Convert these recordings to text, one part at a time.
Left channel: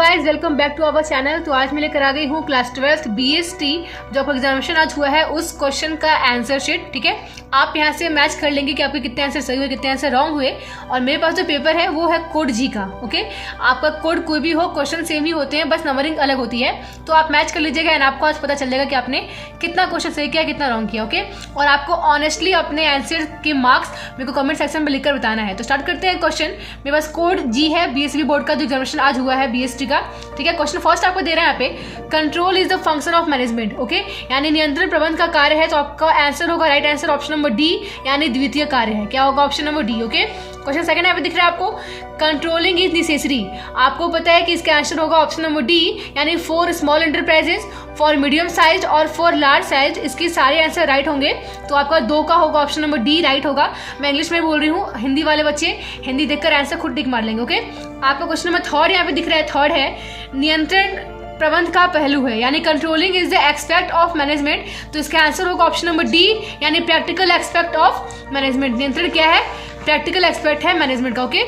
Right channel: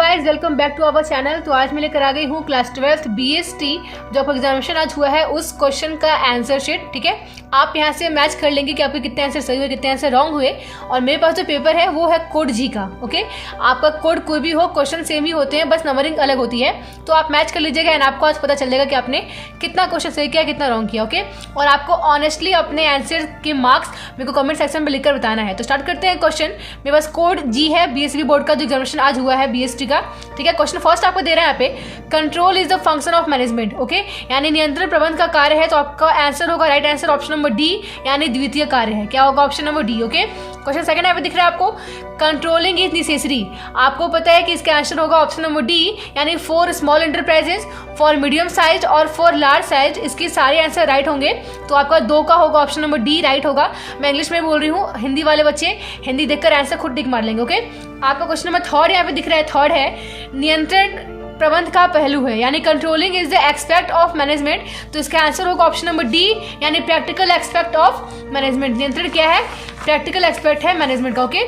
Guys, welcome back to our channel. तो आज मैं लेकर आ गई हूँ क्लास 12 BST जो आपका एग्जामिनेशन आज हुआ है उस क्वेश्चन का आंसर शीट। ठीक है, आप यहाँ से मैच कर लेंगे कि आपके कितने आंसर सही हुए कितने आंसर रॉन्ग हुए। और मेरे पास जो पेपर है वो है कोड जी का। ओके, आपका कोड कोई भी हो, क्वेश्चन सेम ही होते हैं, बस नंबरिंग अलग होती है। तो आप मैच कर लीजिएगा एंड आपको आज पता चल जाएगा कि आपने कितना क्वेश्चन सही किया कितना रॉन्ग किया। ओके, और आपको ऑनेस्टली अपने आंसर के मार्क्स मेरे को कमेंट सेक्शन में लिखकर बताना है। तो स्टार्ट करते हैं क्वेश्चन। मेरे पास कोड जी है BSB बोर्ड का जो एग्जामिनेशन आज हुआ है BST का। ठीक है, क्वेश्चन फर्स्ट आपको दे रहे हैं यहाँ पे, control is the function of management. Okay, यानी नियंत्रण प्रबंध का कार्य है। तो आपका आंसर होगा right answer option number D, यानी द्वितीय कार्य है। क्या होगा? Option number D. Okay, question second यहाँ पे दिख रहा है आपको, कंट्रोलिंग इज नेसेसरी। आपको पता है कि इसका आंसर होगा ऑप्शन नंबर डी, यानी for small enterprises, for medium size और फॉर लार्ज साइज। इसके सारे आंसर राइट होंगे। तो आपका दो का होगा ऑप्शन नंबर डी राइट होगा। मैं इंग्लिश में बोल रही हूँ, हिंदी वाले बच्चे हिंदी देखकर आंसर खुद टिक मार लेंगे। ओके, आपका क्वेश्चन नंबर थर्ड यहाँ पे दिख रहा है, थर्ड है नियंत्रण प्रबंध का पहलू है, यानी controlling is the expect of management. तो इसका आंसर होगा ऑप्शन नंबर डी, यानी प्रैक्टिकल एक्सपेक्ट ऑफ मैनेजमेंट। नियंत्रण क्या है? प्रैक्टिकल एक्सपेक्ट है मैनेजमेंट का। ओके,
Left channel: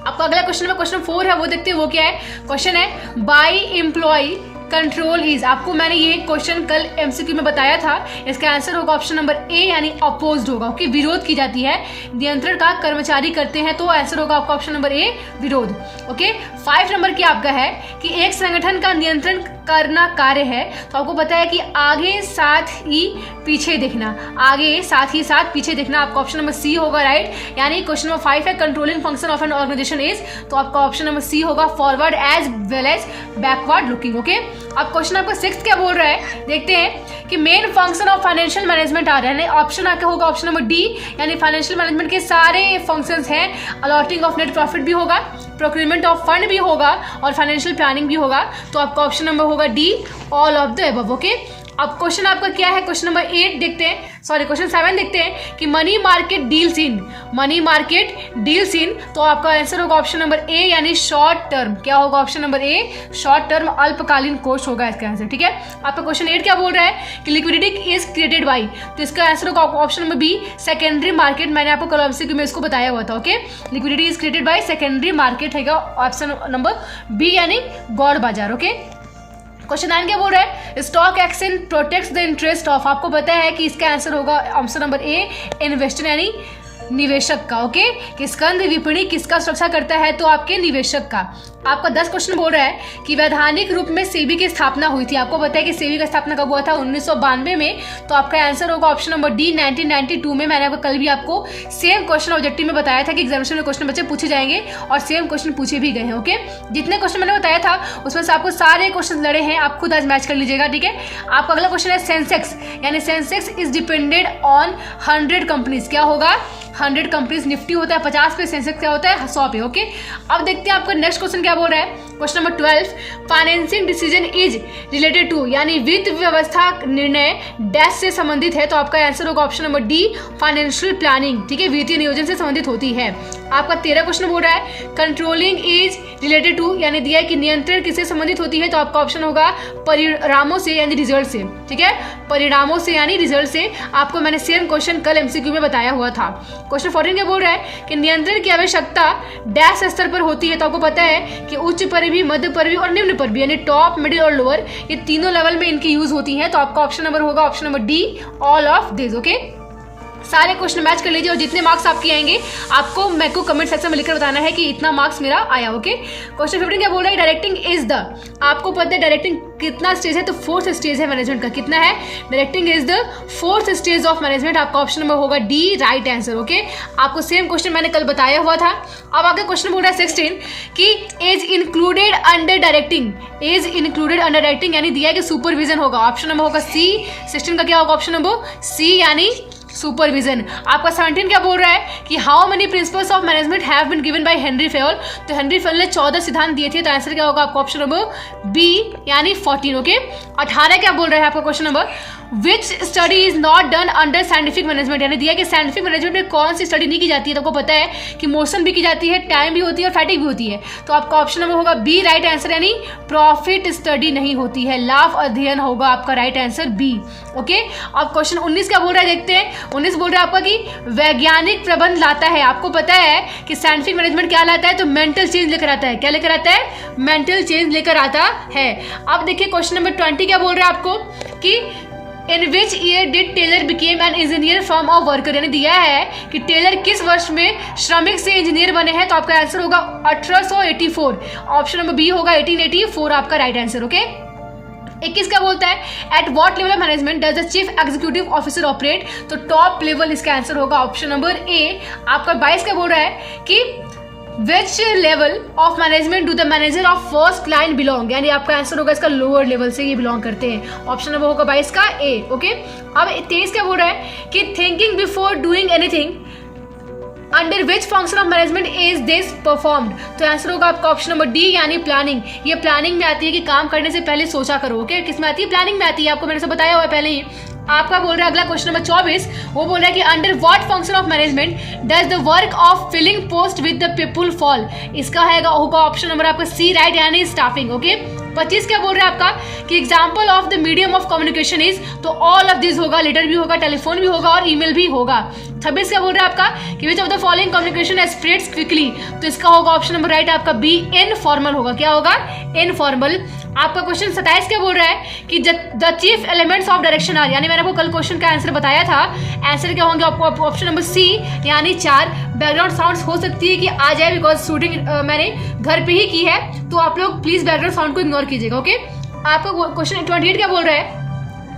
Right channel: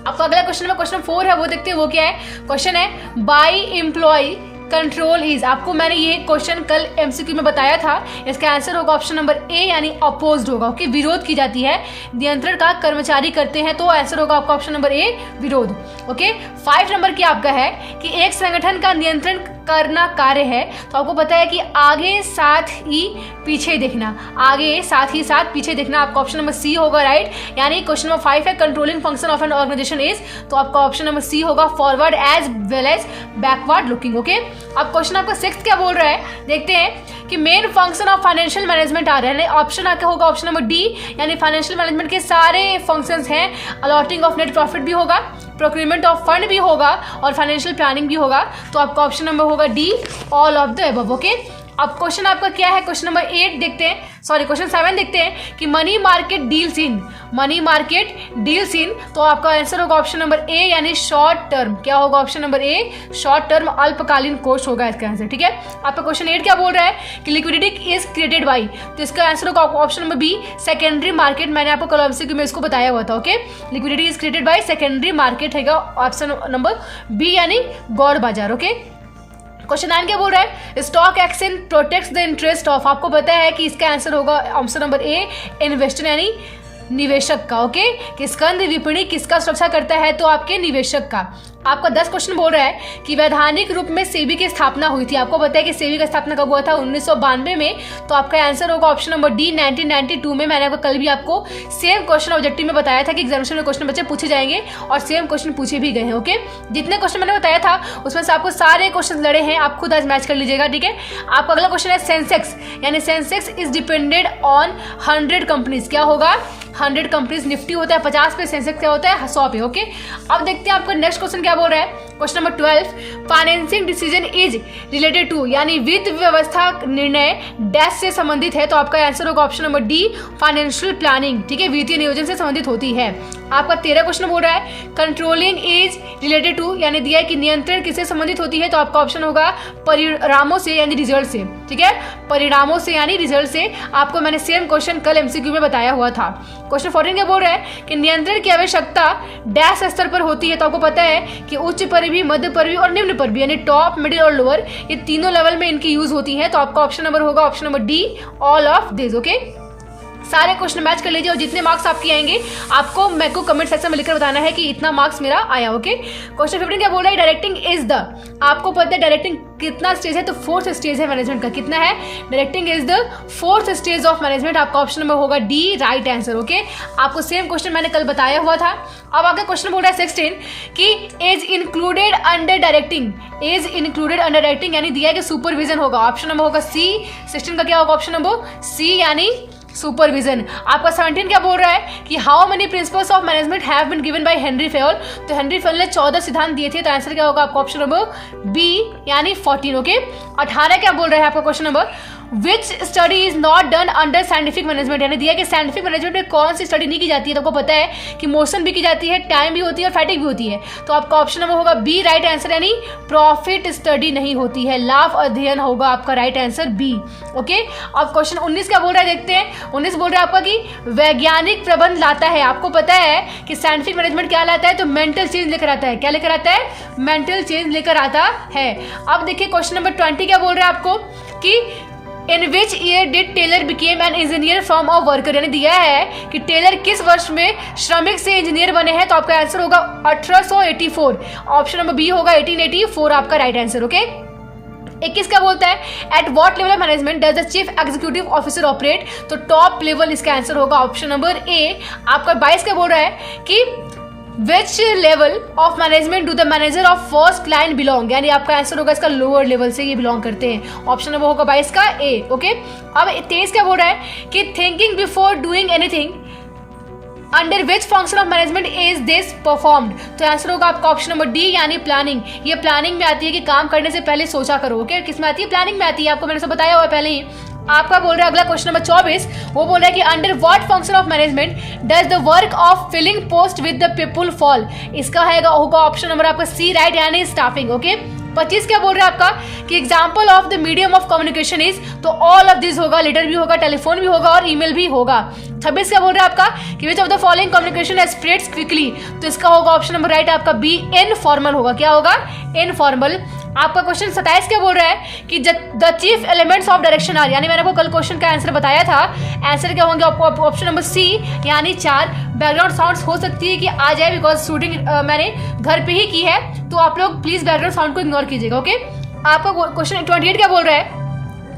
आपका अगला क्वेश्चन नंबर क्वेश्चन 4 है, वो देखते हैं वो क्या है। क्वेश्चन है बाई एम्प्लॉय कंट्रोल इज। आपको मैंने ये क्वेश्चन कल MCQ में बताया था। इसका आंसर होगा ऑप्शन नंबर ए, यानी अपोज्ड होगा। ओके, विरोध की जाती है, नियंत्रण का कर्मचारी करते हैं। तो आंसर होगा आपका ऑप्शन नंबर ए, विरोध। ओके, 5 नंबर की आपका है कि एक संगठन का नियंत्रण करना कार्य है। तो आपको पता है कि आगे साथ ही पीछे देखना, आगे साथ ही साथ पीछे देखना। आपका ऑप्शन नंबर सी होगा राइट, यानी क्वेश्चन नंबर 5 है controlling function of an organisation is. तो आपका ऑप्शन नंबर सी होगा forward as well as backward looking. Okay, अब क्वेश्चन आपका 6 क्या बोल रहा है, देखते हैं कि main function of financial management आ रहा है। ऑप्शन आपका होगा ऑप्शन नंबर डी, यानी फाइनेंशियल मैनेजमेंट के सारे फंक्शंस हैं। अलॉटिंग ऑफ नेट प्रॉफिट भी होगा, प्रोक्यूरमेंट ऑफ फंड भी होगा और फाइनेंशियल प्लानिंग भी होगा। तो आपका ऑप्शन नंबर होगा D, all of the above. Okay, अब क्वेश्चन आपका क्या है, क्वेश्चन नंबर 8 देखते हैं, सॉरी क्वेश्चन 7 देखते हैं कि money market deals in, money market deals in. तो आपका आंसर होगा ऑप्शन नंबर ए, यानी शॉर्ट टर्म। क्या होगा? ऑप्शन नंबर ए, शॉर्ट टर्म अल्पकालीन कोष होगा इसका आंसर। ठीक है, आपका क्वेश्चन 8 क्या बोल रहा है कि लिक्विडिटी इज क्रिएटेड बाई। तो इसका आंसर होगा option number B, secondary market. मैंने आपको कल MCQ में इसको बताया हुआ था। Okay, liquidity is created by secondary market है ऑप्शन नंबर बी, यानी गौड़ बाजार। ओके, क्वेश्चन 9 क्या बोल रहा है, stock exchange protects the interest of. आपको पता है कि इसका आंसर होगा ऑप्शन नंबर ए, इन्वेस्टर यानी निवेशक का। ओके, कि स्कंद विपणि किसका सुरक्षा करता है? तो आपके निवेशक का। आपका 10 क्वेश्चन बोल रहा है कि वैधानिक रूप में सेबी की स्थापना हुई थी। आपको पता है कि सेबी का स्थापना कब हुआ था? 1992 में। तो आपका आंसर होगा ऑप्शन नंबर डी, 1992 में। मैंने कल भी आपको सेम क्वेश्चन ऑब्जेक्टिव में बताया था कि एग्जामिनेशन में क्वेश्चन बच्चे पूछे जाएंगे और सेम क्वेश्चन पूछे भी गए हैं। ओके, जितने क्वेश्चन मैंने बताया था उसमें से आपको सारे क्वेश्चन लड़े हैं, आप खुद आज मैच कर लीजिएगा। ठीक है, आपका अगला क्वेश्चन है सेंसेक्स, यानी Sensex is depended on 100 companies. क्या होगा? 100 कंपनीज। निफ्टी होता है 50 पे, सेंसेक्स क्या होता है? 100 पे। ओके, अब देखते हैं आपका नेक्स्ट क्वेश्चन क्या बोल रहा है। Question number 12, financing decision is related to, यानी वित्त व्यवस्था निर्णय डैश से संबंधित है। तो आपका आंसर होगा option number D, financial planning. ठीक है, वित्तीय नियोजन से संबंधित होती है। आपका 13 क्वेश्चन बोल रहा है कंट्रोलिंग इज रिलेटेड टू, यानी दिया है कि नियंत्रण किससे संबंधित होती है। तो आपका ऑप्शन होगा परिणामों से, यानी रिजल्ट से। ठीक है, परिणामों से यानी रिजल्ट से। आपको मैंने सेम क्वेश्चन कल MCQ में बताया हुआ था। क्वेश्चन 14 क्या बोल रहा है कि नियंत्रण की आवश्यकता डैश स्तर पर होती है। तो आपको पता है कि उच्च पर भी, मध्य पर भी और निम्न पर भी, यानी टॉप, मिडिल और लोअर, ये तीनों लेवल में इनकी यूज होती है। तो आपका ऑप्शन नंबर होगा option number D, all of this. Okay, सारे क्वेश्चन मैच कर लीजिए और जितने मार्क्स आपके आएंगे आपको मेरे को कमेंट सेक्शन में लिखकर बताना है कि इतना मार्क्स मेरा आया। ओके, क्वेश्चन 15 क्या बोल रहा है, डायरेक्टिंग इज द। आपको पता है डायरेक्टिंग कितना स्टेज है? तो 4th स्टेज है मैनेजमेंट का। कितना है? Directing is the 4th stage of management. आपका ऑप्शन नंबर होगा डी, राइट आंसर। ओके, आपको सेम क्वेश्चन मैंने कल बताया हुआ था। अब आगे क्वेश्चन बोल रहा है 16 कि is included under directing, is included under directing, यानी दिया है कि सुपरविजन होगा। ऑप्शन नंबर होगा सी, 16 का क्या होगा? ऑप्शन नंबर सी, यानी सुपरविजन। आपका 17 क्या बोल रहा है कि how many principles of management have been given by Henry Fayol. तो हेनरी फेयोल ने 14 सिद्धांत दिए थे। तो आंसर क्या होगा आपका? ऑप्शन नंबर बी, यानी 14। ओके, 18 क्या बोल रहा है आपका question number, which study is not done under scientific management, यानी दिया कि साइंटिफिक मैनेजमेंट में कौन सी स्टडी नहीं की जाती है। तो आपको पता है कि मोशन भी की जाती है, टाइम भी होती है और फैटिक भी होती है। तो आपका ऑप्शन नंबर होगा बी राइट आंसर, यानी प्रॉफिट स्टडी नहीं होती है, लाभ अध्ययन होगा आपका राइट आंसर बी। ओके, अब क्वेश्चन 19 क्या बोल रहा है देखते हैं। 19 बोल रहा है आपका कि वैज्ञानिक प्रबंध लाता है। आपको पता है कि साइंटिफिक मैनेजमेंट क्या लाता है, तो मेंटल चेंज लेकर आता है। क्या लेकर आता है? मेंटल चेंज लेकर आता है। अब देखिए क्वेश्चन नंबर 20 क्या बोल रहा है आपको कि in which year did Taylor became an engineer from a worker, यानी दिया है कि टेलर किस वर्ष में श्रमिक से इंजीनियर बने हैं। तो आपका आंसर होगा 1884। ऑप्शन नंबर बी होगा 1884 आपका राइट आंसर। ओके, 21 क्या बोलता है, at what level of management does the chief executive officer operate. तो टॉप लेवल इसका आंसर होगा ऑप्शन नंबर ए। आपका 22 क्या बोल रहा है कि which level of management do the manager of first line belong, यानी आपका आंसर होगा इसका लोअर लेवल से ये बिलोंग करते हैं। ऑप्शन नंबर होगा 22 का ए। ओके, अब 23 क्या बोल रहा है कि thinking before doing anything under which function of management is this performed. तो आंसर होगा आपका ऑप्शन नंबर डी, यानी प्लानिंग। ये प्लानिंग में आती है कि काम करने से पहले सोचा करो। ओके, किस में आती है? प्लानिंग में आती है। आपको मैंने सब बताया हुआ है पहले ही। आपका बोल रहा है अगला क्वेश्चन नंबर 24, वो बोल रहा है कि under what function of management does the work of filling post with the people fall. इसका होगा ऑप्शन नंबर आपका सी राइट, यानी स्टाफिंग। ओके, 25 क्या बोल रहा है आपका कि example of the medium of communication is, तो ऑल ऑफ दिस होगा, लेटर भी होगा, टेलीफोन भी होगा और ईमेल भी होगा। 26 क्या बोल रहा है आपका कि which of the following communication spreads quickly. तो इसका होगा ऑप्शन नंबर राइट आपका बी, इनफॉर्मल होगा। क्या होगा? इनफॉर्मल। आपका क्वेश्चन 27 क्या बोल रहा है कि the chief elements of direction are, यानी मैंने आपको कल क्वेश्चन का आंसर बताया था। आंसर क्या होंगे आपको? ऑप्शन नंबर सी, यानी 4। बैकग्राउंड साउंड्स हो सकती है कि आ जाए, बिकॉज शूटिंग मैंने घर पे ही की है, तो आप लोग प्लीज बैकग्राउंड साउंड को इग्नोर कीजिएगा। ओके, आपका क्वेश्चन 28 क्या बोल रहा है,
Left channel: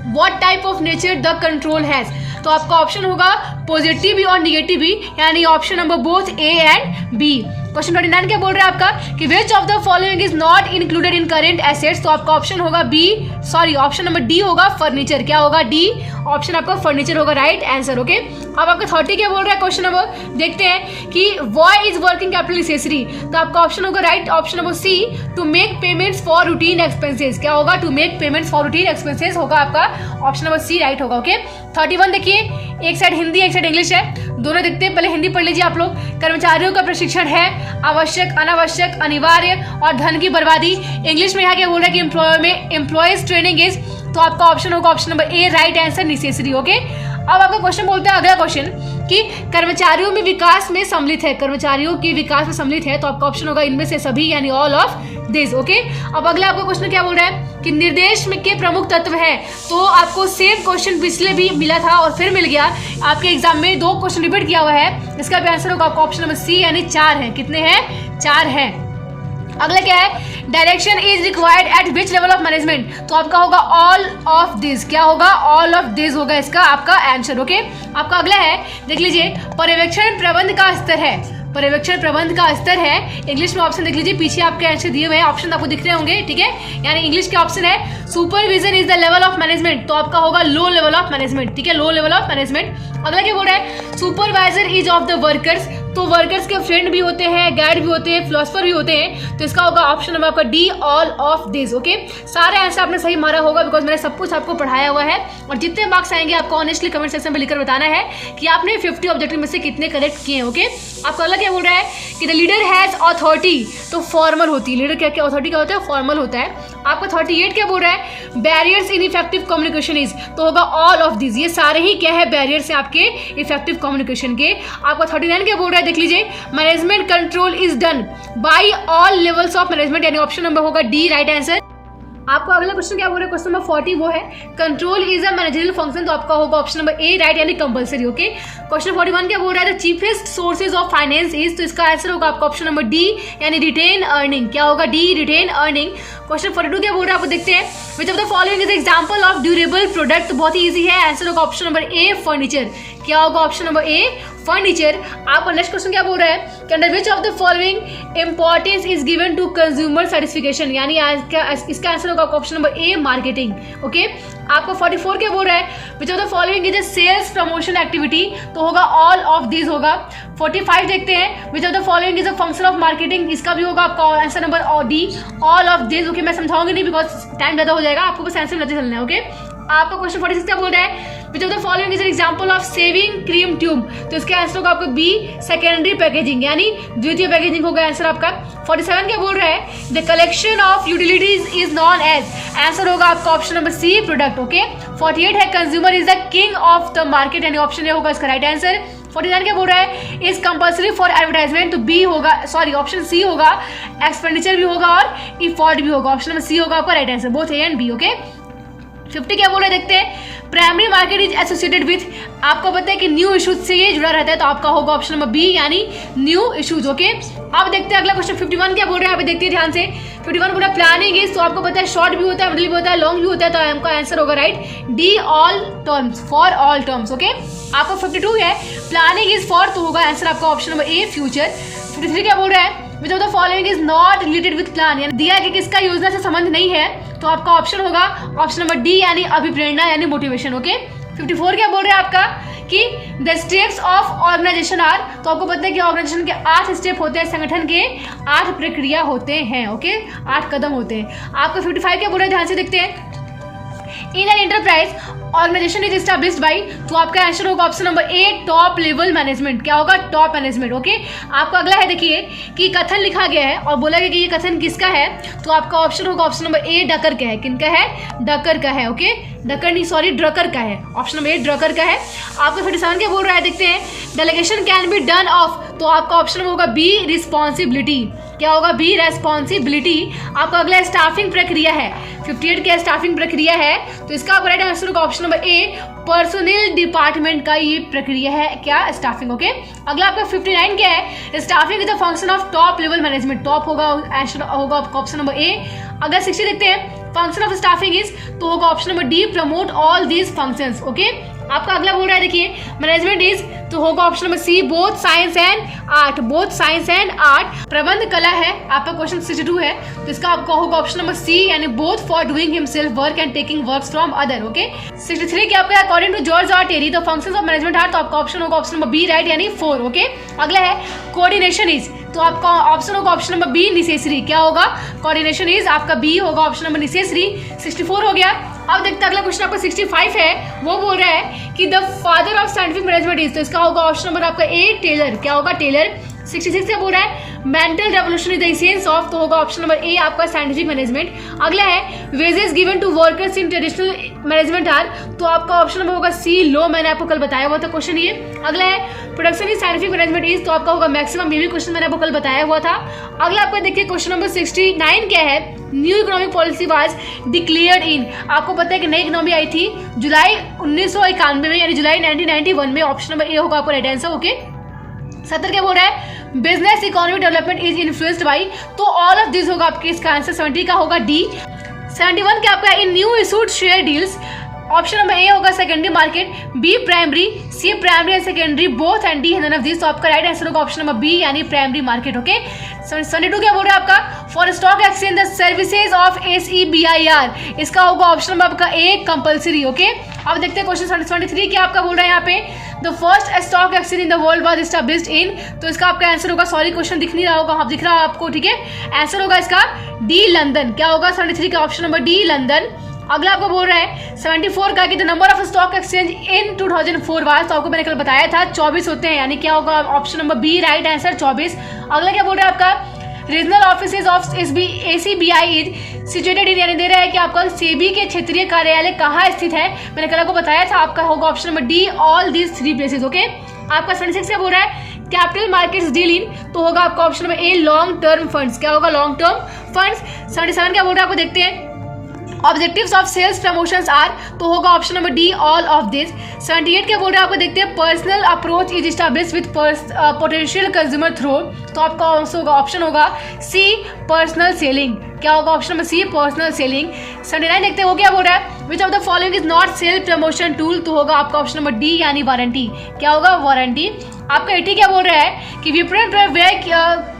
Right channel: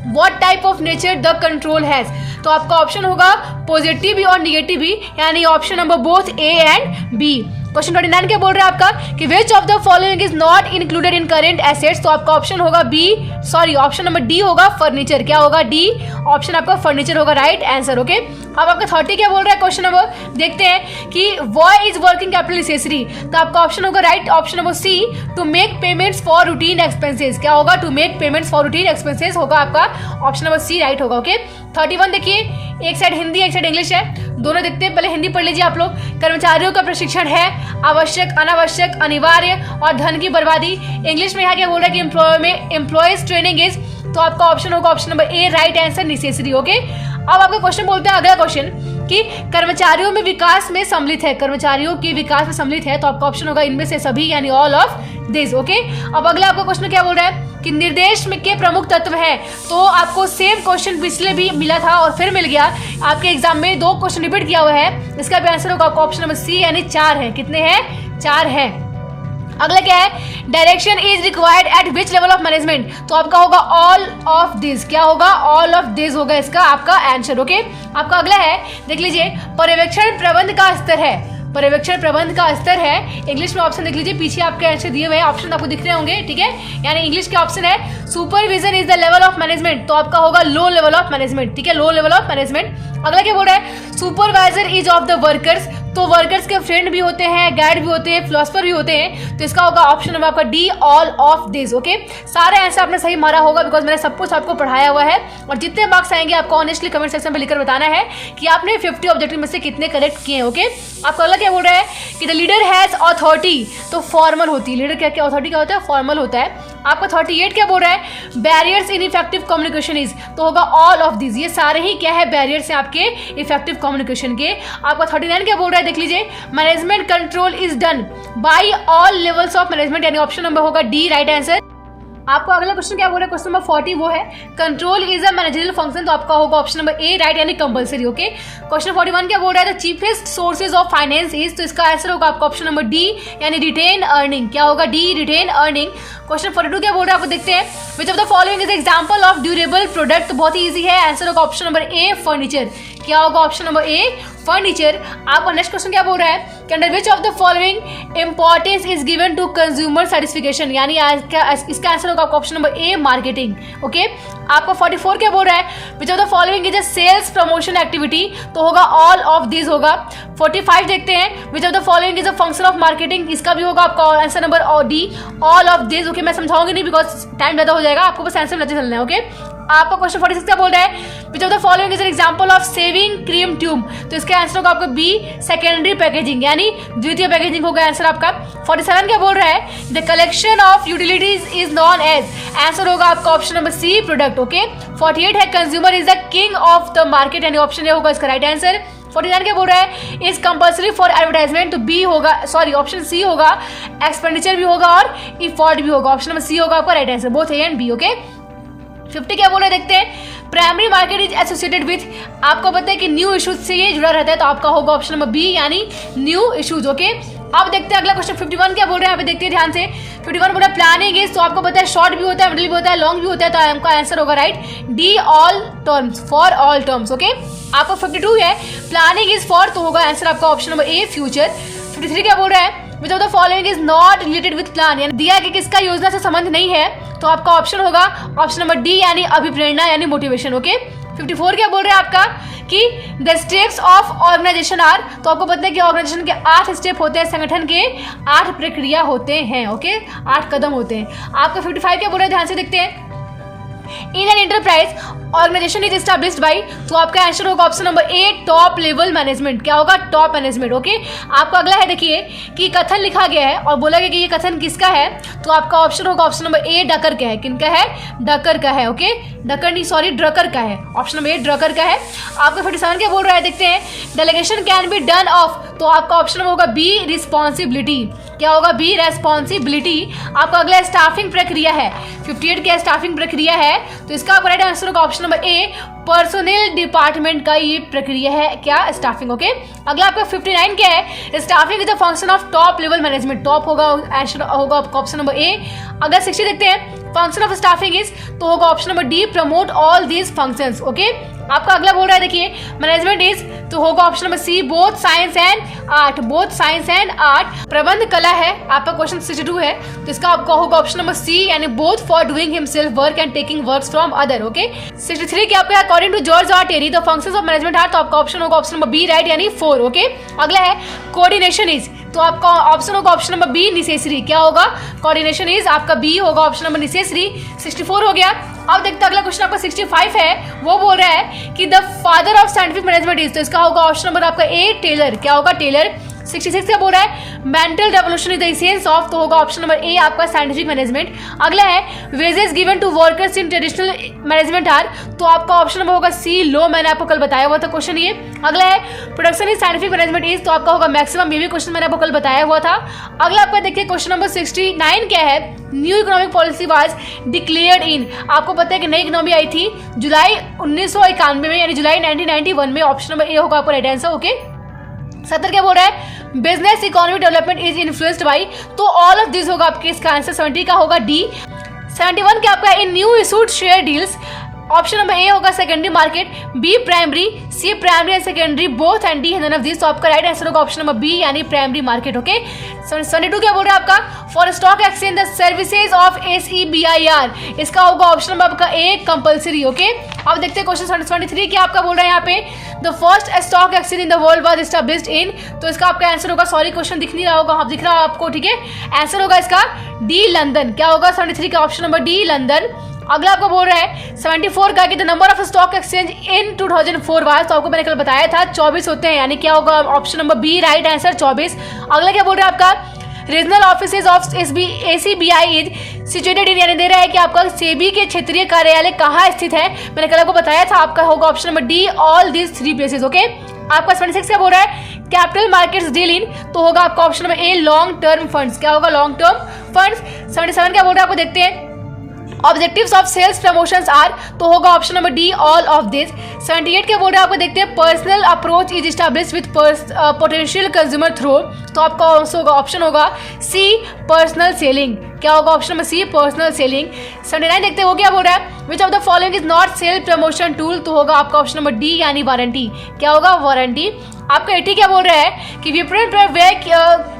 what type of nature the control has. तो आपका ऑप्शन होगा पॉजिटिव भी और निगेटिव भी, यानी option number both A and B. Question 29 क्या बोल रहा है आपका कि which of the following is not included in current assets. तो आपका ऑप्शन होगा B, sorry option number D होगा फर्नीचर। क्या होगा? डी। ऑप्शन आपका फर्नीचर होगा राइट आंसर। ओके, अब आपका 30 क्या बोल रहा है क्वेश्चन नंबर, देखते हैं कि why is working capital necessary. तो आपका ऑप्शन होगा right, option number C, to make payments for routine expenses. क्या होगा? To make payments for routine expenses होगा आपका ऑप्शन नंबर सी राइट होगा। ओके, 31 देखिए, एक साइड हिंदी एक साइड इंग्लिश है, दोनों देखते हैं। पहले हिंदी पढ़ लीजिए आप लोग। कर्मचारियों का प्रशिक्षण है आवश्यक, अनावश्यक, अनिवार्य और धन की बर्बादी। इंग्लिश में यहाँ क्या बोल रहा है कि एम्प्लॉयज ट्रेनिंग इज, तो आपका ऑप्शन होगा ऑप्शन नंबर ए राइट आंसर, नेसेसरी। ओके, अब आपका क्वेश्चन बोलते हैं अगला क्वेश्चन कि कर्मचारियों में विकास में सम्मिलित है, कर्मचारियों के विकास में सम्मिलित है। तो आपका ऑप्शन होगा इनमें से सभी, यानी ऑल ऑफ दिस। ओके, अब अगला आपका क्वेश्चन क्या बोल रहा है कि निर्देश में के प्रमुख तत्व हैं। तो आपको सेम क्वेश्चन पिछले भी मिला था और फिर मिल गया आपके एग्जाम में, 2 क्वेश्चन रिपीट किया हुआ है। इसका भी आंसर होगा आपका ऑप्शन नंबर सी, यानी 4 है। कितने हैं? 4 है। अगला क्या है, direction is required at which level of management. तो आपका होगा ऑल ऑफ दिस। क्या होगा? ऑल ऑफ दिस होगा इसका आपका आंसर। ओके, आपका अगला है, देख लीजिए, पर्यवेक्षण प्रबंध का स्तर है। पर्यवेक्षण प्रबंध का स्तर है, इंग्लिश में ऑप्शन देख लीजिए, पीछे आपके आंसर दिए हुए हैं, ऑप्शन आपको दिख रहे होंगे। ठीक है, यानी इंग्लिश के ऑप्शन है supervision is the level of management. तो आपका होगा लो लेवल ऑफ मैनेजमेंट। ठीक है, लो लेवल ऑफ मैनेजमेंट। अगला क्या बोल रहा है, supervisor is of the workers. तो वर्कर्स के फ्रेंड भी होते हैं, गाइड भी होते हैं, फिलोसफर भी होते हैं। तो इसका होगा ऑप्शन नंबर आपका D, all of this. Okay, सारे आंसर आपने सही मारा होगा, बिकॉज मैंने सब कुछ आपको पढ़ाया हुआ है। और जितने मार्क्स आएंगे आपको ऑनेस्टली कमेंट सेक्शन में लिखकर बताना है कि आपने 50 ऑब्जेक्टिव में से कितने करेक्ट किए हैं। ओके, आपका अगला क्या बोल रहा है कि द लीडर हैज अथॉरिटी। तो फॉर्मल होती है लीडर, क्या क्या अथॉरिटी क्या होता है? फॉर्मल होता है। आपका 38 क्या बोल रहा है, barriers in effective communication is. तो होगा ऑल ऑफ दिस। ये सारे ही क्या है? बैरियर्स हैं आपके इफेक्टिव कम्युनिकेशन के। आपका 39 क्या बोल रहा है, देख लीजिए, management control is done by all levels of management, यानी ऑप्शन नंबर होगा डी राइट आंसर। आपका अगला क्वेश्चन क्या बोल रहा है, क्वेश्चन नंबर 40 वो है control is a managerial function. तो आपका होगा ऑप्शन नंबर ए राइट, यानी कंपलसरी। ओके, क्वेश्चन 41 क्या बोल रहा है, the cheapest sources of finance is. तो इसका आंसर होगा आपका ऑप्शन नंबर डी, यानी रिटेन अर्निंग। क्या होगा? D, retain earning. क्वेश्चन 42 क्या बोल रहा है, आपको देखते हैं, which of the following is example of durable product. तो बहुत ही इजी है, आंसर होगा ऑप्शन नंबर ए, फर्नीचर। क्या होगा? Option number A, furniture. आपका नेक्स्ट क्वेश्चन क्या बोल रहा है, under which of the following importance is given to consumer satisfaction, यानी इसका आंसर होगा आपका option number A, marketing. Okay, आपका 44 क्या बोल रहा है, which of the following is a sales promotion activity. तो होगा ऑल ऑफ दिस होगा। 45 देखते हैं, which of the following is a function of marketing. इसका भी होगा आपका answer number D, all of this. Okay, मैं समझाऊंगी नहीं बिकॉज टाइम ज़्यादा हो जाएगा, आपको बस आंसर लेते चलना है। ओके, आपका क्वेश्चन 46 क्या बोल रहा है, which of the following is an example of shaving cream tube, तो इसका आंसर होगा आपका बी सेकेंडरी पैकेजिंग, यानी द्वितीय पैकेजिंग होगा आंसर आपका। 47 क्या बोल रहा है, the collection of utilities is known as, answer होगा आपका option number C product. Okay 48 है consumer is the king of the market, यानी ऑप्शन ए होगा इसका राइट आंसर। 49 क्या बोल रहा है, इज कंपल्सरी फॉर एडवर्टाइजमेंट, तो बी होगा, सॉरी ऑप्शन सी होगा, एक्सपेंडिचर भी होगा और इफोर्ट भी होगा, ऑप्शन नंबर सी होगा आपका right answer, both A and B. Okay 50 क्या बोल रहे हैं देखते हैं, primary market is associated with, आपको पता है कि न्यू इशूज से ये जुड़ा रहता है, तो आपका होगा ऑप्शन नंबर बी यानी न्यू इशूज। ओके अब देखते हैं अगला क्वेश्चन 51 क्या बोल रहे हैं, यहाँ पे देखते हैं ध्यान से। 51 बोल रहा है प्लानिंग इज, तो आपको पता है शॉर्ट भी होता है, मिडिल भी होता है, लॉन्ग भी होता है, तो आपका आंसर होगा right D all terms, for all terms. Okay आपका 52 है प्लानिंग इज फॉर, तो होगा आंसर आपका ऑप्शन नंबर ए फ्यूचर। 53 क्या बोल रहा है, which of the following is not related with plan, यानी दिया कि किसका योजना से संबंध नहीं है, तो आपका ऑप्शन होगा ऑप्शन नंबर डी यानी अभिप्रेरणा यानी मोटिवेशन। ओके 54 क्या बोल रहे हैं आपका कि the steps of organisation are, तो आपको पता है कि ऑर्गेनाइजेशन के 8 स्टेप होते हैं, संगठन के 8 प्रक्रिया होते हैं। ओके 8 कदम होते हैं। आपका 55 क्या बोल रहे हैं ध्यान से देखते हैं, in an enterprise organisation is established by, तो आपका आंसर होगा option number A top level management, क्या होगा टॉप मैनेजमेंट। ओके आपका अगला है देखिए कि कथन लिखा गया है और बोला गया कि ये कथन किसका है, तो आपका ऑप्शन होगा ऑप्शन नंबर ए डकर का है, किनका है, डकर का है। ओके डकर नहीं सॉरी ड्रकर का है, ऑप्शन नंबर ए ड्रकर का है। आपका 57 क्या बोल रहा है देखते हैं, delegation can be done of, तो आपका ऑप्शन नंबर होगा बी रिस्पॉन्सिबिलिटी, क्या होगा बी रेस्पॉन्सिबिलिटी। आपका अगला स्टाफिंग प्रक्रिया है, 58 क्या स्टाफिंग प्रक्रिया है, तो इसका आपका राइट आंसर होगा ऑप्शन नंबर ए पर्सनल डिपार्टमेंट का ये प्रक्रिया है क्या स्टाफिंग। ओके अगला आपका 59 क्या है, staffing is the function of top level management, top होगा आंसर होगा आपका ऑप्शन नंबर ए। अगर 60 देखते हैं फंक्शन ऑफ स्टाफिंग इज, तो होगा option number D promote all these functions. Okay आपका अगला बोल रहा है देखिए मैनेजमेंट इज, तो होगा option number C both science and art, both science and art. प्रबंध कला है आपका क्वेश्चन 62 है, तो इसका आपका होगा ऑप्शन नंबर सी यानी both for doing himself work and taking works from other. Okay 63 के आपका according to George R Terry the functions of management are, तो आपका ऑप्शन होगा ऑप्शन नंबर बी राइट यानी 4। ओके अगला है कोऑर्डिनेशन इज, तो आपका ऑप्शन होगा ऑप्शन नंबर बी निसेसरी, क्या होगा कोऑर्डिनेशन इज आपका बी होगा ऑप्शन नंबर निसेसरी। 64 हो गया। अब देखते हैं अगला क्वेश्चन आपका 65 है, वो बोल रहा है कि the father of scientific management is, तो इसका होगा ऑप्शन नंबर आपका ए टेलर, क्या होगा टेलर। 66 का बोल रहा है mental revolution is the essence of, तो होगा ऑप्शन नंबर ए आपका साइंटिफिक मैनेजमेंट। अगला है wages given to workers in traditional management are, तो आपका ऑप्शन नंबर होगा सी लो, मैंने आपको कल बताया हुआ था क्वेश्चन ये। अगला है production in scientific management is, तो आपका होगा मैक्सिमम, ये भी क्वेश्चन मैंने आपको कल बताया हुआ था। अगला आपका देखिए क्वेश्चन नंबर 69 क्या है, new economic policy was declared इन, आपको पता है कि नई इकोनॉमी आई थी जुलाई 1991 में यानी जुलाई 1991 में, ऑप्शन नंबर ए होगा आपका राइट आंसर। ओके 70 क्या बोल रहा है business economic development is influenced by, तो ऑल ऑफ दिस होगा आपके इसका आंसर 70 का होगा डी। 71 क्या आपका in new issued share deals, option number A होगा secondary market, B primary, C primary and secondary both and D none of this, तो आपका राइट आंसर होगा ऑप्शन नंबर बी यानी प्राइमरी मार्केट। ओके 72 क्या बोल रहा है आपका for stock exchange the services of SEBIR, इसका होगा ऑप्शन नंबर आपका ए कंपल्सरी। ओके अब देखते हैं क्वेश्चन 73 क्या आपका बोल रहा है यहाँ पे, the first stock exchange in the world was established in, तो इसका आपका आंसर होगा, सॉरी क्वेश्चन दिख नहीं रहा होगा, हाँ दिख रहा है आपको, ठीक है आंसर होगा इसका डी लंदन, क्या होगा 73 का ऑप्शन नंबर डी लंदन। अगला आपको बोल रहा है 74 का कि the number of stock exchange in 2004 was, तो आपको मैंने कल बताया था 24 होते हैं, यानी क्या होगा option number B right answer 24। अगला क्या बोल रहा है आपका regional office of ACBI is situated in, यानी दे रहा है कि आपका सेबी के क्षेत्रीय कार्यालय कहाँ स्थित है, मैंने कल आपको बताया था, आपका होगा option number D all this 3 places. Okay आपका 76 क्या बोल रहा है कैपिटल मार्केट्स डील इन, तो होगा आपका option number a long term funds, क्या होगा लॉन्ग टर्म फंड्स। 77 क्या बोल रहा है आपको देखते हैं objectives of sales promotions are, तो होगा option number D all of this. 78 क्या बोल रहा है आपको देखते हैं personal approach is established with potential consumer through, तो आपका ऑप्शन होगा सी पर्सनल सेलिंग, क्या होगा option number C personal selling. 79 देखते हैं वो क्या बोल रहा है which of the following is not sale promotion tool, तो होगा आपका ऑप्शन नंबर डी यानी वारंटी, क्या होगा वारंटी। आपका 80 क्या बोल रहा है कि विपणन पर व्यय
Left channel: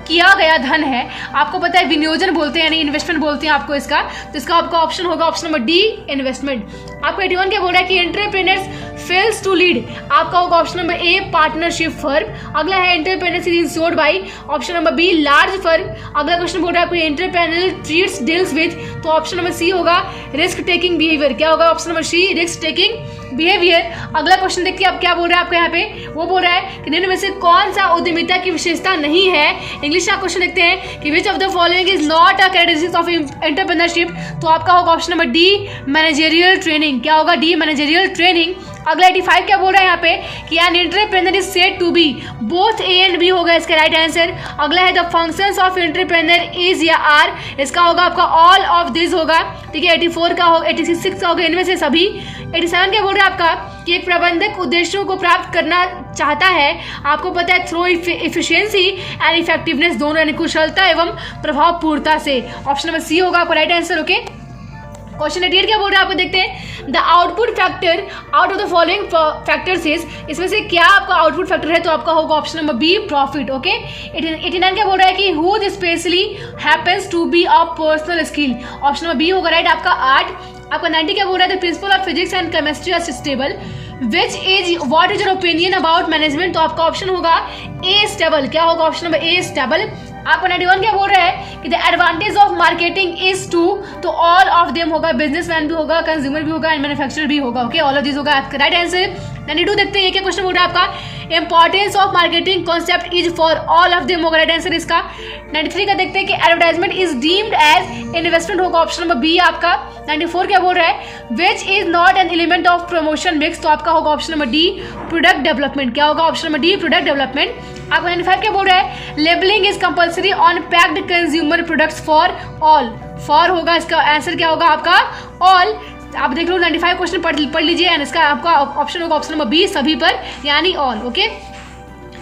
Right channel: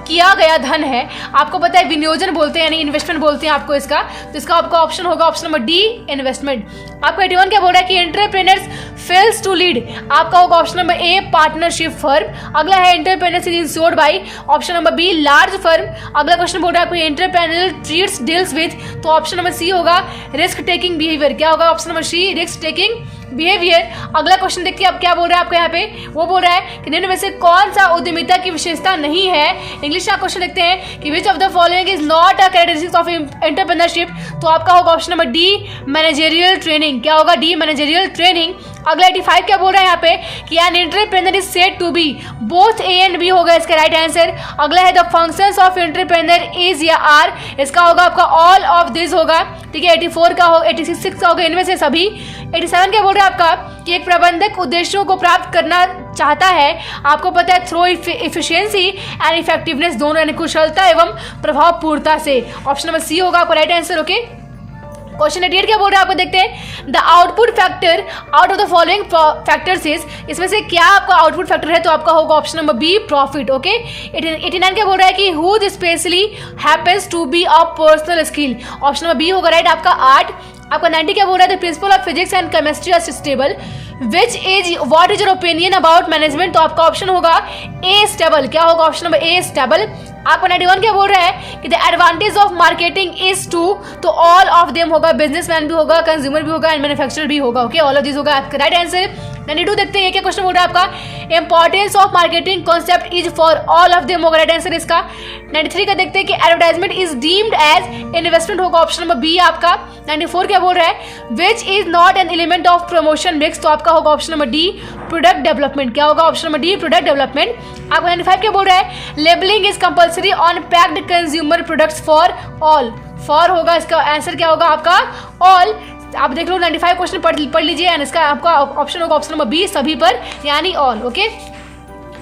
किया गया धन है, आपको पता है विनियोजन बोलते हैं यानी इन्वेस्टमेंट बोलते हैं आपको इसका, तो इसका आपका ऑप्शन होगा ऑप्शन नंबर डी इन्वेस्टमेंट। आपको 81 क्या बोल रहा है कि एंटरप्रेन्योर्स फेल्स टू लीड, आपका होगा option number A partnership firm. अगला है entrepreneurs is insured by, option number B large firm. अगला क्वेश्चन बोल रहा है आपको एंटरप्रेन्योर ट्रीट्स डील्स विद, तो ऑप्शन नंबर सी होगा रिस्क टेकिंग बिहेवियर, क्या होगा option number C risk taking behaviour. अगला क्वेश्चन देखिए अब क्या बोल रहा है आपका यहाँ पे, वो बोल रहा है कि निम्न में से कौन सा उद्यमिता की विशेषता नहीं है। इंग्लिश का क्वेश्चन देखते हैं कि which of the following is not a characteristics of entrepreneurship. तो आपका होगा option number D managerial training. क्या होगा, डी मैनेजरियल ट्रेनिंग। अगला 85 क्या बोल रहा है यहाँ पे कि an entrepreneur is said to be both A and B होगा इसका राइट आंसर। अगला है the functions of entrepreneur is या आर, इसका होगा आपका ऑल ऑफ दिस होगा, ठीक है। 84 का होगा, 86 का होगा इनमें से सभी। 87 क्या बोल रहा है आपका कि एक प्रबंधक उद्देश्यों को प्राप्त करना चाहता है, आपको पता है थ्रू इफिशियंसी एंड इफेक्टिवनेस, दोनों यानी कुशलता एवं प्रभावपूर्णता से। ऑप्शन नंबर सी होगा आपका राइट आंसर। ओके, क्वेश्चन 88 क्या बोल रहा है आपको देखते हैं। The output factor out of the following factors is, इसमें से क्या आपका आउटपुट फैक्टर है, तो आपका होगा option number B profit. Okay, 89 क्या बोल रहा है कि whose specially happens to be a personal skill, option number B होगा राइट आपका आर्ट। आपका 90 क्या बोल रहा है the principle of physics and chemistry are stable, which is what is your opinion about management, तो आपका ऑप्शन होगा ए स्टेबल। क्या होगा ऑप्शन नंबर ए स्टेबल। आपका 91 क्या बोल रहा है कि the advantage of marketing is to, तो ऑल ऑफ देम होगा, बिजनेसमैन भी होगा, कंज्यूमर भी होगा एंड मैन्युफैक्चरर भी होगा। ओके, ऑल ऑफ दिस होगा आपका राइट आंसर। 92 देखते हैं ये क्या क्वेश्चन बोल रहा है आपका, importance of marketing concept is for all of them होगा राइट आंसर इसका। 93 का देखते हैं कि advertisement is deemed as investment होगा ऑप्शन नंबर बी आपका। 94 क्या बोल रहा है which is not an element of promotion mix, तो आपका होगा option number D product development. क्या होगा option number D product development. आपका 95 क्या बोल रहा है labelling is compulsory on packed consumer products for all, for होगा इसका आंसर क्या होगा आपका ऑल। आप देख लो 95 क्वेश्चन पढ़ लीजिए एंड इसका आपका ऑप्शन होगा ऑप्शन नंबर बी सभी पर यानी ऑल। ओके,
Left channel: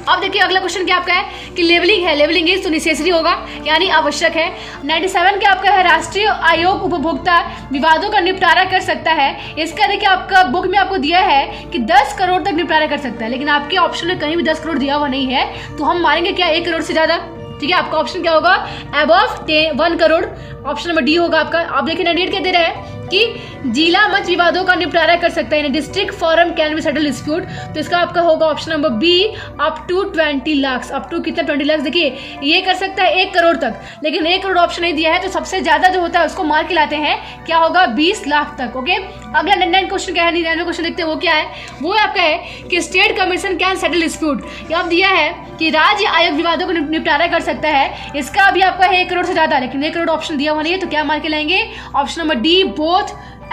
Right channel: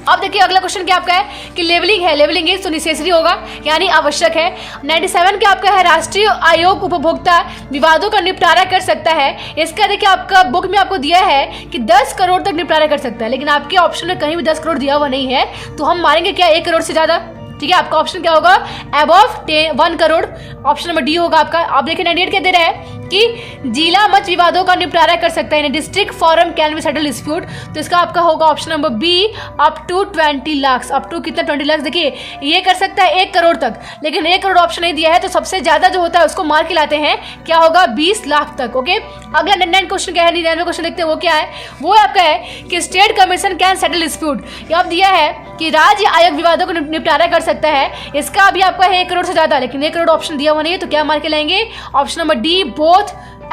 अब देखिए अगला क्वेश्चन क्या आपका है कि लेवलिंग है, लेवलिंग इज तो नेसेसरी होगा यानी आवश्यक है। 97 क्या आपका है राष्ट्रीय आयोग उपभोक्ता विवादों का निपटारा कर सकता है, इसका देखिए आपका बुक में आपको दिया है कि 10 करोड़ तक निपटारा कर सकता है, लेकिन आपके ऑप्शन में कहीं भी 10 करोड़ दिया हुआ नहीं है, तो हम मारेंगे क्या 1 करोड़ से ज़्यादा, ठीक है। आपका ऑप्शन क्या होगा above 1 crore, option number D होगा आपका। आप देखिए 98 क्या दे रहा है कि जिला मत विवादों का निपटारा कर सकता है, district forum can be settle dispute, तो इसका आपका होगा option number B up to 20 lakh. Up to कितना 20 लाख, देखिए ये कर सकता है 1 करोड़ तक, लेकिन 1 करोड़ ऑप्शन नहीं दिया है, तो सबसे ज्यादा जो होता है उसको मार के लाते हैं, क्या होगा 20 लाख तक। ओके, अगला 99 क्वेश्चन क्या है, 99 क्वेश्चन देखते हैं वो क्या है, वो आपका है कि state commission can settle dispute, ये दिया है कि राज्य आयोग विवादों को निपटारा कर सकता है, इसका भी आपका है 1 करोड़ से ज्यादा, लेकिन 1 करोड़ ऑप्शन दिया हुआ नहीं है, तो क्या मार के लाएंगे option number D both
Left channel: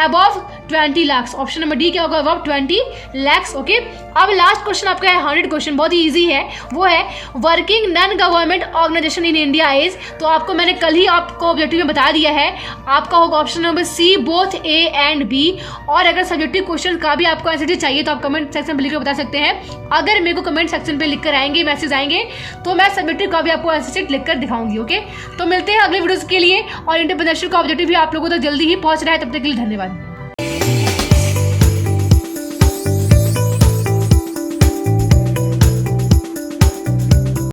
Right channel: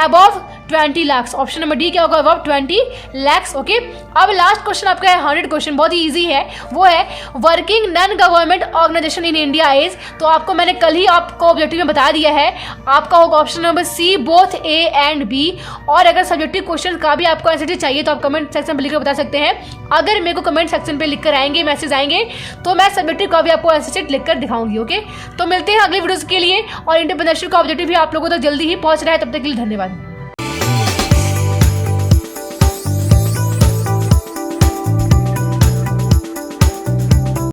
above 20 lakh. Option number D क्या होगा above 20 लाख। ओके, अब लास्ट क्वेश्चन आपका है 100 क्वेश्चन, बहुत ही इजी है, वो है working non government organisation in India is, तो आपको मैंने कल ही आपको ऑब्जेक्टिव में बता दिया है, आपका होगा option number C both A and B. और अगर सब्जेक्टिव क्वेश्चन का भी आपको आंसर चाहिए तो आप कमेंट सेक्शन में लिखकर बता सकते हैं, अगर मेरे को कमेंट सेक्शन पे लिखकर आएंगे मैसेज आएंगे तो मैं सब्जेक्टिव का भी आपको आंसर शीट लिखकर दिखाऊंगी। ओके, तो मिलते हैं अगले वीडियोस के लिए, और एंटरप्रेन्योरशिप का ऑब्जेक्टिव भी आप लोगों तक जल्दी ही पहुंच रहा है, तब तक के लिए धन्यवाद।